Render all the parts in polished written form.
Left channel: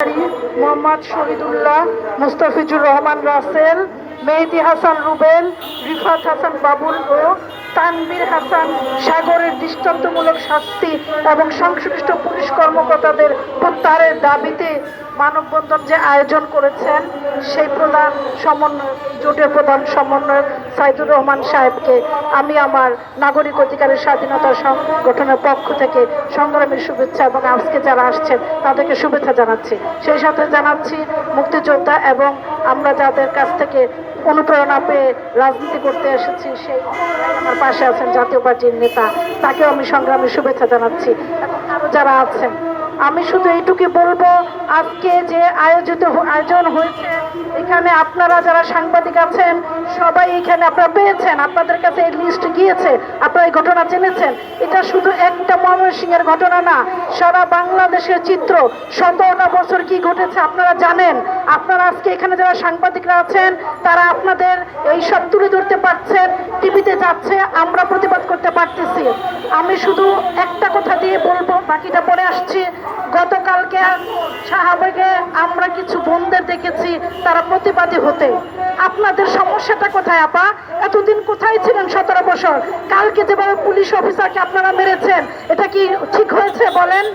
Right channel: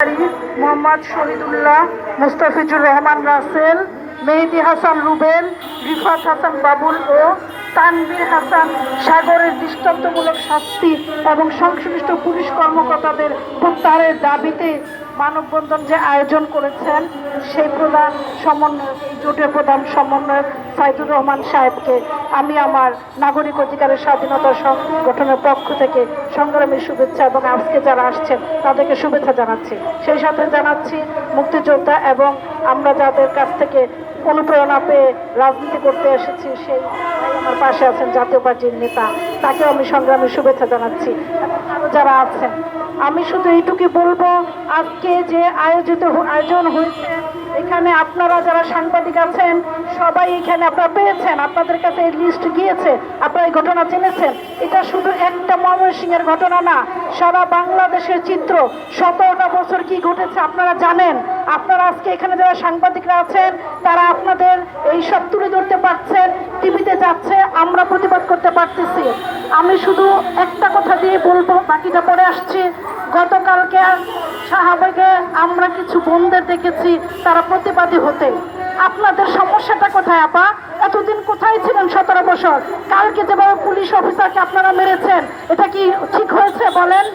মোহাম্মদ শহীদুল্লাহ, মুস্তাফিজুর রহমান রাসেল, মেহেদী হাসান রুবেল, রিফাত হাসান বাবুল ও তানভীর হাসান সাগরের দৃষ্টান্তমূলক শাস্তি এবং সংশ্লিষ্ট পুলিশ কর্মকর্তাদের প্রত্যাহারের দাবিতে মানববন্ধন যে আয়োজন করেছেন সেই প্রধান সমন্বয় জোটের প্রধান সমন্বয়ক সাইদুর রহমান সাহেবকে আমি আমার নাগরিক অধিকারের স্বাধীনতা সংগঠনের পক্ষ থেকে সংগ্রামের শুভেচ্ছা এবং আজকে যারা আসছেন তাদেরকে শুভেচ্ছা জানাচ্ছি। সেই সাথে জানাচ্ছি মুক্তিযোদ্ধা এবং আমরা যাদের কাছ থেকে অনুপ্রেরণা পেয়ে রাজনীতি করতে এসেছি সেই আমার পাশে আছেন জাতীয় পার্টির নেতা, তাকে আমি সংগ্রামের শুভেচ্ছা জানাচ্ছি। যারা আছেন আমি শুধু এইটুকু বলবো, আজকে যে আয়োজন হয়েছে এখানে আপনারা যারা সাংবাদিক আছেন সবাই এখানে আপনারা পেয়েছেন, আপনাদের কাছে এই লিস্ট গিয়েছে, আপনারা এই ঘটনা জেনেছেন। এটা শুধু একটা ময়মনসিংহের ঘটনা না, সারা বাংলাদেশের চিত্র। 17টা বছর কি ঘটেছে আপনারা জানেন। আপনারা আজকে এখানে যারা সাংবাদিকরা আছেন তারা আপনাদের এই সব তুলে ধরতে পারছেন, টিভিতে যাচ্ছে, আমরা প্রতিবাদ করতে পারতেছি। আমি শুধু একটা কথা দিয়ে বলবো, বাকিটা পরে আসছি। গতকালকে শাহবাগে আমরা কিছু বোনদের দেখেছি তারা প্রতিবাদী হতে। আপনাদের সমস্যাটা কোথায় আপা? এতদিন কোথায় ছিলেন 17 বছর? কালকে যেভাবে পুলিশ অফিসারকে আপনারা মেরেছেন এটা কি ঠিক হয়েছে বলেন?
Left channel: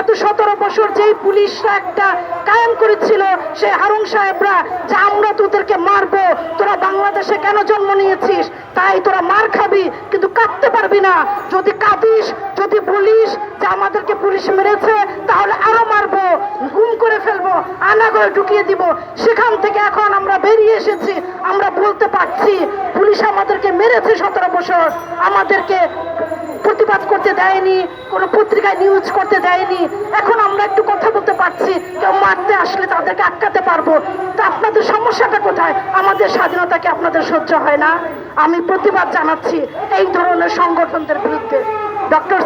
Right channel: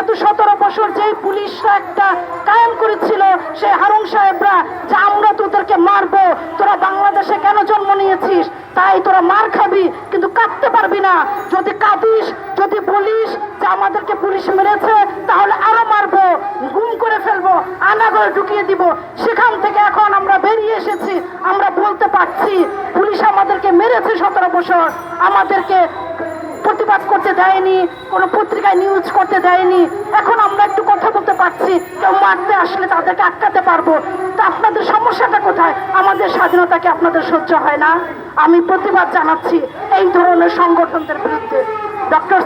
এত 17 বছর যেই পুলিশরা একটা কায়েম করেছিল সে হারুন সাহেবরা যে আমরা তোদেরকে মারবো, তোরা বাংলাদেশে কেন জন্ম নিয়েছিস, তাই তোরা মার খাবি কিন্তু কাঁদতে পারবি না। যদি কাঁদিস, যদি বলিস যে আমাদেরকে পুলিশ মেরেছে তাহলে আরো মারবো, গুম করে ফেলবো, আনাগরে ঢুকিয়ে দিব। সেখান থেকে এখন আমরা বেরিয়ে এসেছি, আমরা বলতে পারছি পুলিশ আমাদেরকে মেরেছে 17 বছর, আমাদেরকে প্রতিবাদ করতে দেয়নি, কোনো পত্রিকায় নিউজ করতে দেয়নি। এখন আমরা একটু কথা বলতে পারছি, কেউ মারতে আসলে তাদেরকে আটকাতে পারবো। তা আপনাদের সমস্যাটা কোথায়? আমাদের স্বাধীনতাকে আপনাদের সহ্য হয় না? আমি প্রতিবাদ জানাচ্ছি এই ধরনের সংগঠনদের বিরুদ্ধে। ডক্টর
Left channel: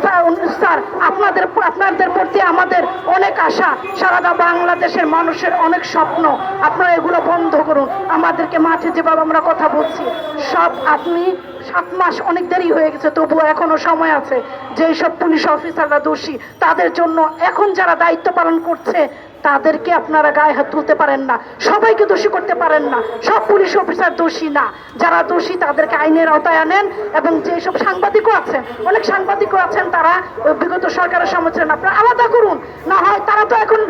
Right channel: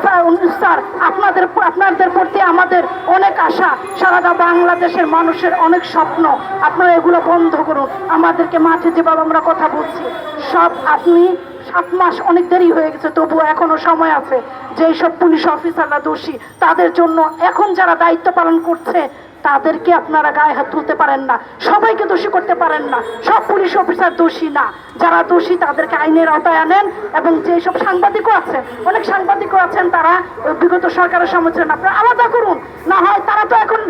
স্যার আপনাদের প্রতি আমাদের অনেক আশা, সারা বাংলাদেশের মানুষের অনেক স্বপ্ন। আপনারা এগুলো বন্ধ করুন। আমাদেরকে মাঠে যেভাবে আমরা কথা বলছি সব, আপনি 7 মাস অনেক দেরি হয়ে গেছে, তবুও এখনো সময় আছে। যেই সব পুলিশ অফিসাররা দোষী তাদের জন্য এখন যারা দায়িত্ব পালন করছে তাদেরকে আপনারা গায়ে হাত তুলতে পারেন না, সবাইকে দোষী করতে পারেন না। সব পুলিশ অফিসার দোষী না, যারা দোষী তাদেরকে আইনের আওতায় আনেন। এবং যেসব সাংবাদিকও আছেন, অনেক সাংবাদিকও আছেন তারা বিগত সরকারের সমালোচনা আপনারা আলাদা করুন। না হয় তারা তো এখন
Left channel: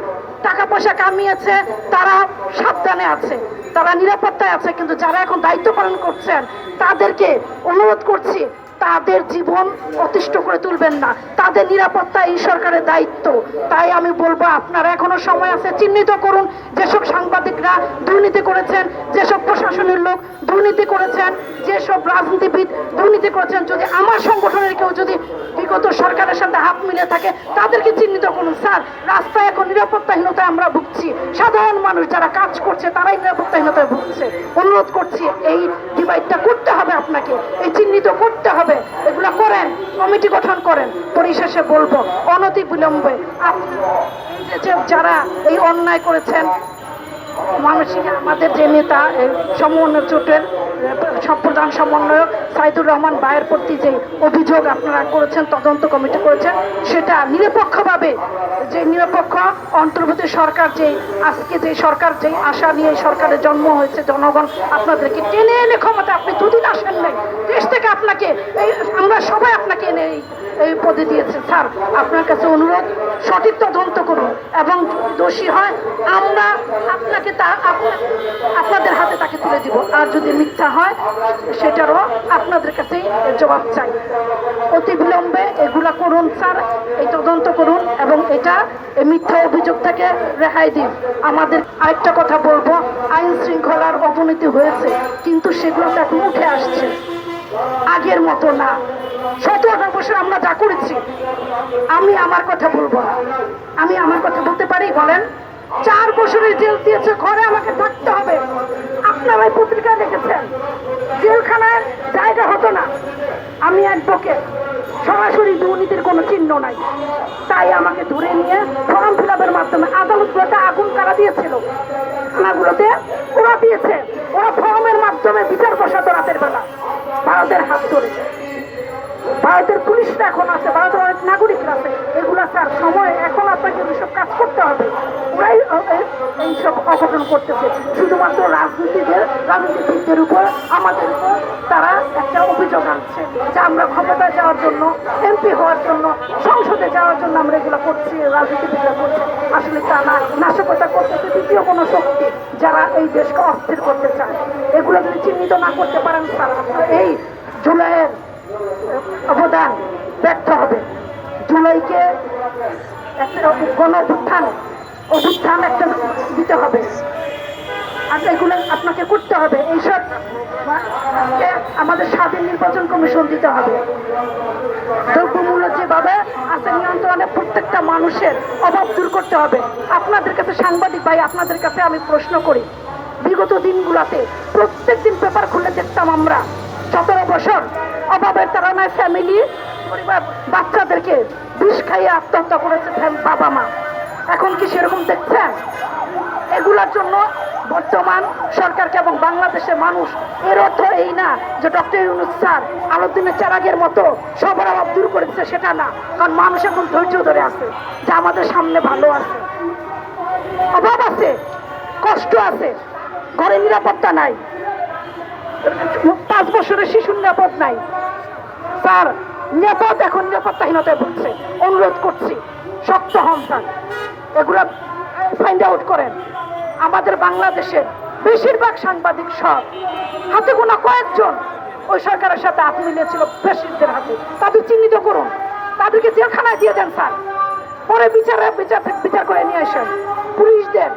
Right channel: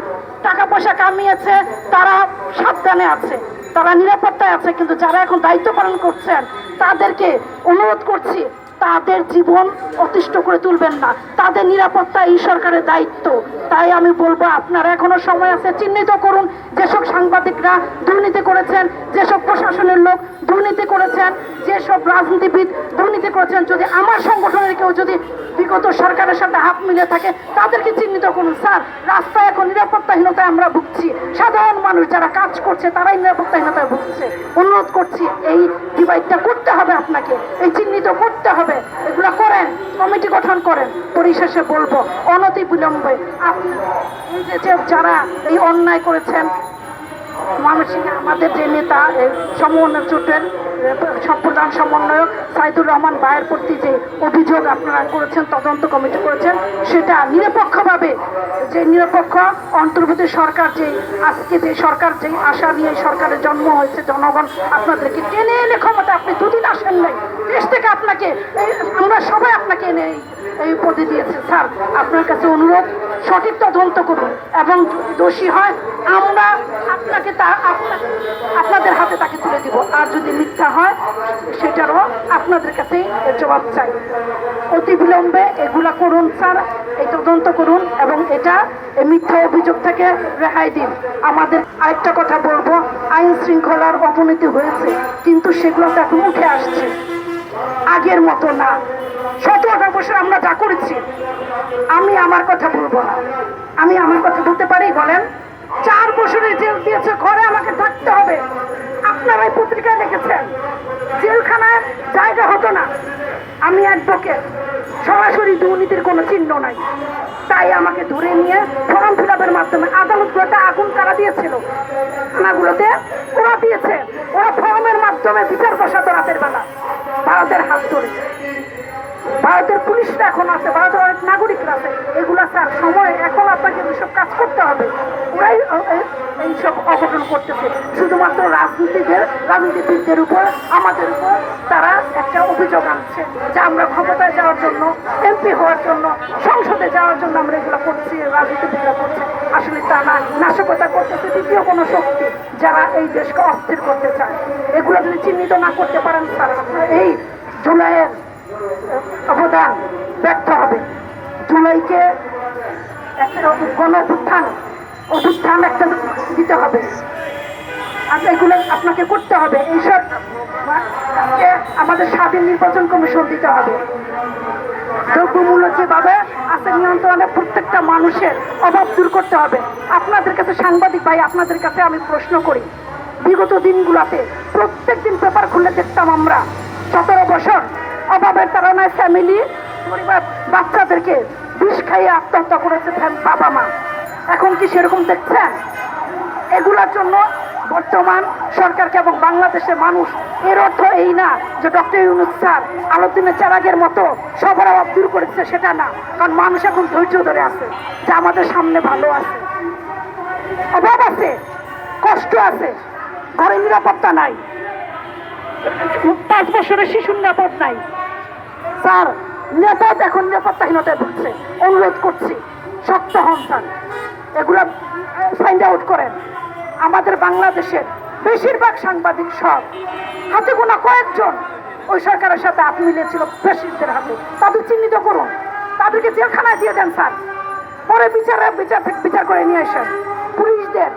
টাকা পয়সা কামিয়েছে, তারা সাবধানে আছে, তারা নিরাপত্তায় আছে, কিন্তু যারা এখন দায়িত্ব পালন করছেন তাদেরকে অনুরোধ করছি তাদের জীবন অতিষ্ঠ করে তুলবেন না, তাদের নিরাপত্তা এই সরকারের দায়িত্ব। তাই আমি বলবো আপনারা এখনো সময় আছে, চিহ্নিত করুন যেসব সাংবাদিকরা দুর্নীতি করেছেন, যেসব প্রশাসনের লোক দুর্নীতি করেছেন, যেসব রাজনীতিবিদ দুর্নীতি করেছেন। যদি আমার সংগঠনের কেউ যদি বিগত সরকারের সাথে হাত মিলিয়ে থাকে তাদেরকে চিহ্নিত করুন। স্যার, রাস্তায় এখন নিরাপত্তাহীনতায় আমরা ভুগছি, সাধারণ মানুষ যারা কাজ করছে তারাই নিরাপত্তাহীনতায় ভুগছে। অনুরোধ করছি এই ডিভাইডটা করতে হবে, আপনাকে এই চিহ্নিত করতে হবে। এগুলো করেন, কমিটি গঠন করেন। পরিশেষে বলবো অনতি বিলম্বে এই যে যারা এই অন্যায় করেছেন, আমাদের যে নেতা সমন্বয় জোটের প্রধান সমন্বয়ক সাইদুর রহমান ভাইয়ের প্রতি যে অভিযোগ আপনারা করেছেন, তদন্ত কমিটি করেছেন, সেটা নিরপেক্ষভাবে, যে নিরপেক্ষ অন্তর্বর্তী সরকার যেই আজকে যে সরকার যেই আশা নিয়ে সরকারের জন্ম হয়েছে, জনগণ আপনাদেরকে টেনে এনে ক্ষমতা, আপনি দুদিন আসেন নাই দেশ থেকে, আপনাকে আমরা সবাই আপনাকে এনে এই পদে দিয়েছে। স্যার, আপনার কাছে অনুরোধ সঠিক তদন্ত করুন এবং দোষী হয় আমরা আপনাকে আপনাদের হাতে তাকে তুলে দিব, আর যদি মিথ্যা হয় সেটারও আপনাদের কাছে জবাব চাই। অতি বিলম্বে এগুলা করুন স্যার, এই তদন্ত করুন এবং এটা মিথ্যা অভিযোগ থেকে রেহাই দিন। আমাদের আরেকটা কথা বলবো, আইন শৃঙ্খলার অবনতি হয়েছে কিন্তু সেগুলো তো এখন উঠে আসছে, আগের মতো না। 17 বছর আমরা যা করেছি, আমি আমার কথা বলবো, আমি আমার কথা বলতে পারি বলেন? 4 বছরের জেল দিয়েছে, ঘরে আমাকে থাকতে হবে। আপনারাই পত্রিকায় দেখেছেন জেলখানায় জায়গা হতো না। আমি অ্যাডভোকেট, সরাসরি দুর্নীতির কোনো চিহ্ন নাই, তাই আমাকে ধরে নিয়ে ফর্ম ফিল আপের মাধ্যমে আদালতগুলোতে আগুন কারা দিয়েছিল, থানাগুলোতে ওরা দিয়েছে, ওরা ফর্মের মাধ্যমে বিচার বসাতো রাতের বেলা ভারতের হাত ধরে। ভারতের পুলিশরা এখন আছে, ভারতের নাগরিকরা আছে। এগুলা স্যার সময়, এখন আপনাকে এসব কাজ করতে হবে। এইসব অঘটন করতেছে। শুধুমাত্র রাজনীতিবিদদের উপর, আমাদের উপর তারা একটা অভিযোগ আনছে যে আমরা ক্ষমতায় যাওয়ার জন্য, এমপি হওয়ার জন্য, সংসদে যাওয়ার জন্য আমরা এগুলো করছি, রাজনীতিবিদরা করছে। আসলে তা না, নাশকতা করতেছে দ্বিতীয় কোনো শক্তি যারা এই দেশকে অস্থির করতে চায়। এগুলো যদি চিহ্নিত না করতে পারেন স্যার, আপনারা এই জুলাইয়ের অবদান ব্যর্থ হবে। জুলাইকে একটা অভ্যুত্থান একটা দিতে হবে, আর এগুলো আপনাকে করতে হবে। এইসব আমাদের স্বাধীন নির্বাচন কমিশন দিতে হবে। দ্রব্যমূল্য যেভাবে আছে নিয়ন্ত্রণে প্রত্যেকটা মানুষের অভাব দূর করতে হবে। আপনাদের কাছে সাংবাদিক ভাই, আপনাদের কাছে আমি প্রশ্ন করি, বিগত দিনগুলোতে প্রত্যেক দিন পেপার খুলে দেখতাম আমরা 17 বছর অভাবের তাড়নায় ফ্যামিলি, পরিবার, বাচ্চাদেরকে বিষ খাইয়ে আত্মহত্যা করেছে বাবা মা। এখন কি সেরকম দেখছেন? এগুলোর জন্য বর্তমান সরকারকে এবং বাংলাদেশের মানুষ, এর অর্থ এই না যে ডক্টর ইউনূস স্যার আলাউদ্দিনের চেরাগের মতো সবার অভাব দূর করেছে, সেটা না। কারণ মানুষ এখন ধৈর্য ধরে আছে যে আমাদের সামনে ভালো আছে, অভাব আছে, কষ্ট আছে, ঘরে নিরাপত্তা নাই, 5 বছরের শিশুর নিরাপদ নাই। স্যার নিরাপদ, এখন নিরাপত্তাহীনতায় ভুগছে। অনুরোধ করছি শক্ত হন স্যার, এগুলা ফাইন্ড আউট করেন। আমাদের বাংলাদেশের বেশিরভাগ সাংবাদিক সব হাতে গোনা কয়েকজন ওই সরকারের সাথে হাত মিলিয়েছিল ফ্যাসিস্টদের হাতে, তাদের চিহ্নিত করুন, তাদেরকে জেলখানায় দিয়ে দেন স্যার, পরে বিচার করে নিয়ে আসেন। পুলিশদের,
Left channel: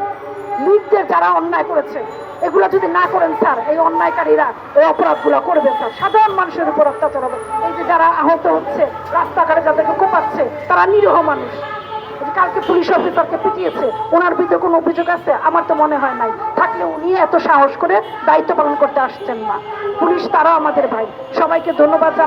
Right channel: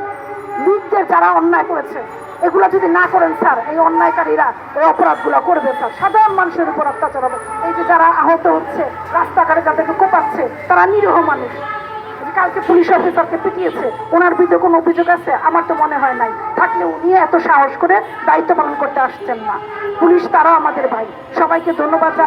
লিডদের যারা অন্যায় করেছে এগুলো যদি না করেন স্যার, এই অন্যায়কারীরা এই অপরাধগুলো করবে স্যার, সাধারণ মানুষের উপর অত্যাচার হবে। এই যে যারা আহত হচ্ছে, রাস্তাঘাটে যাদেরকে কোপাচ্ছে, তারা নিরীহ মানুষ। কালকে পুলিশ অফিসারকে পিটিয়েছে, ওনার বিরুদ্ধে কোনো অভিযোগ আছে? আমার তো মনে হয় নাই। থাকলে উনি এত সাহস করে দায়িত্ব পালন করতে আসছেন না। পুলিশ তারাও আমাদের ভাই। সবাইকে ধন্যবাদ জানাই।